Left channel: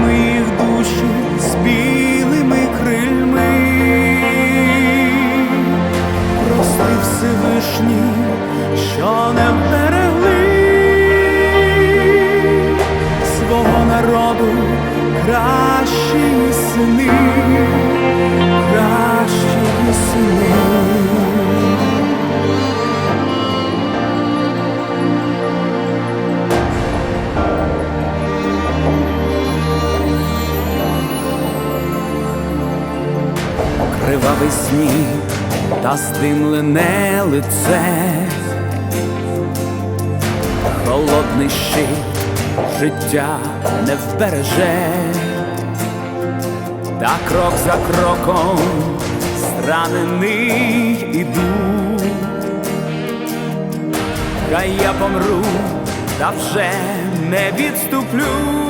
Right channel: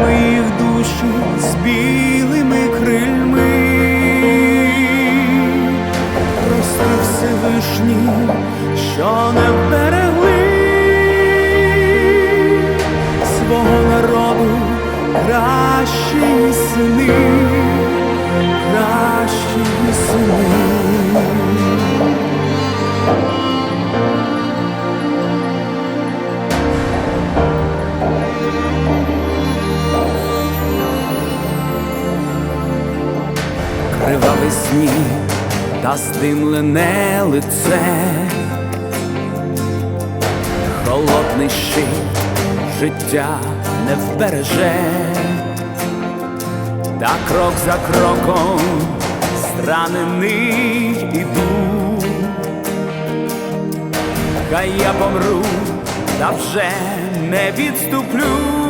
Моїх душі з білими крильми, прости Всевишні, що не вберегли свого народу кращі сини, кращі сини. кривавий сніг та стимлене лице, холодний щит життя не вбереже, та крок за кроком странений іду, хай я помру, та вже не відступлю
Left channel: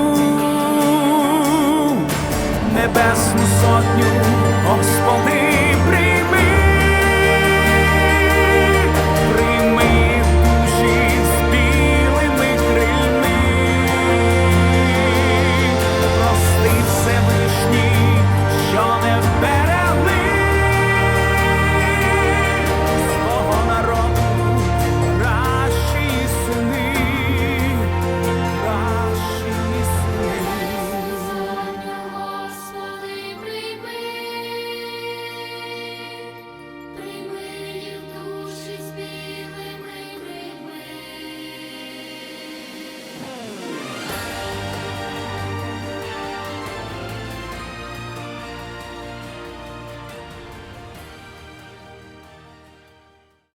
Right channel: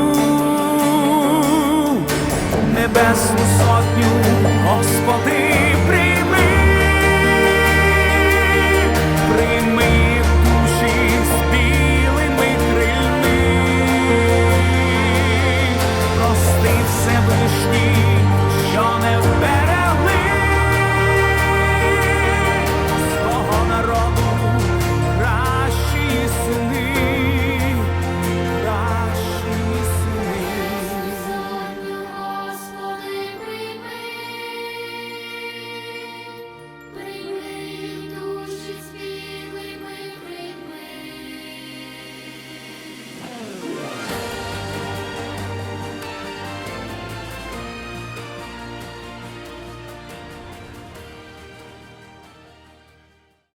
небесну сотню, Господи, прийми, прийми їх душі з білими крильми, прости Всевишній, що не вбере.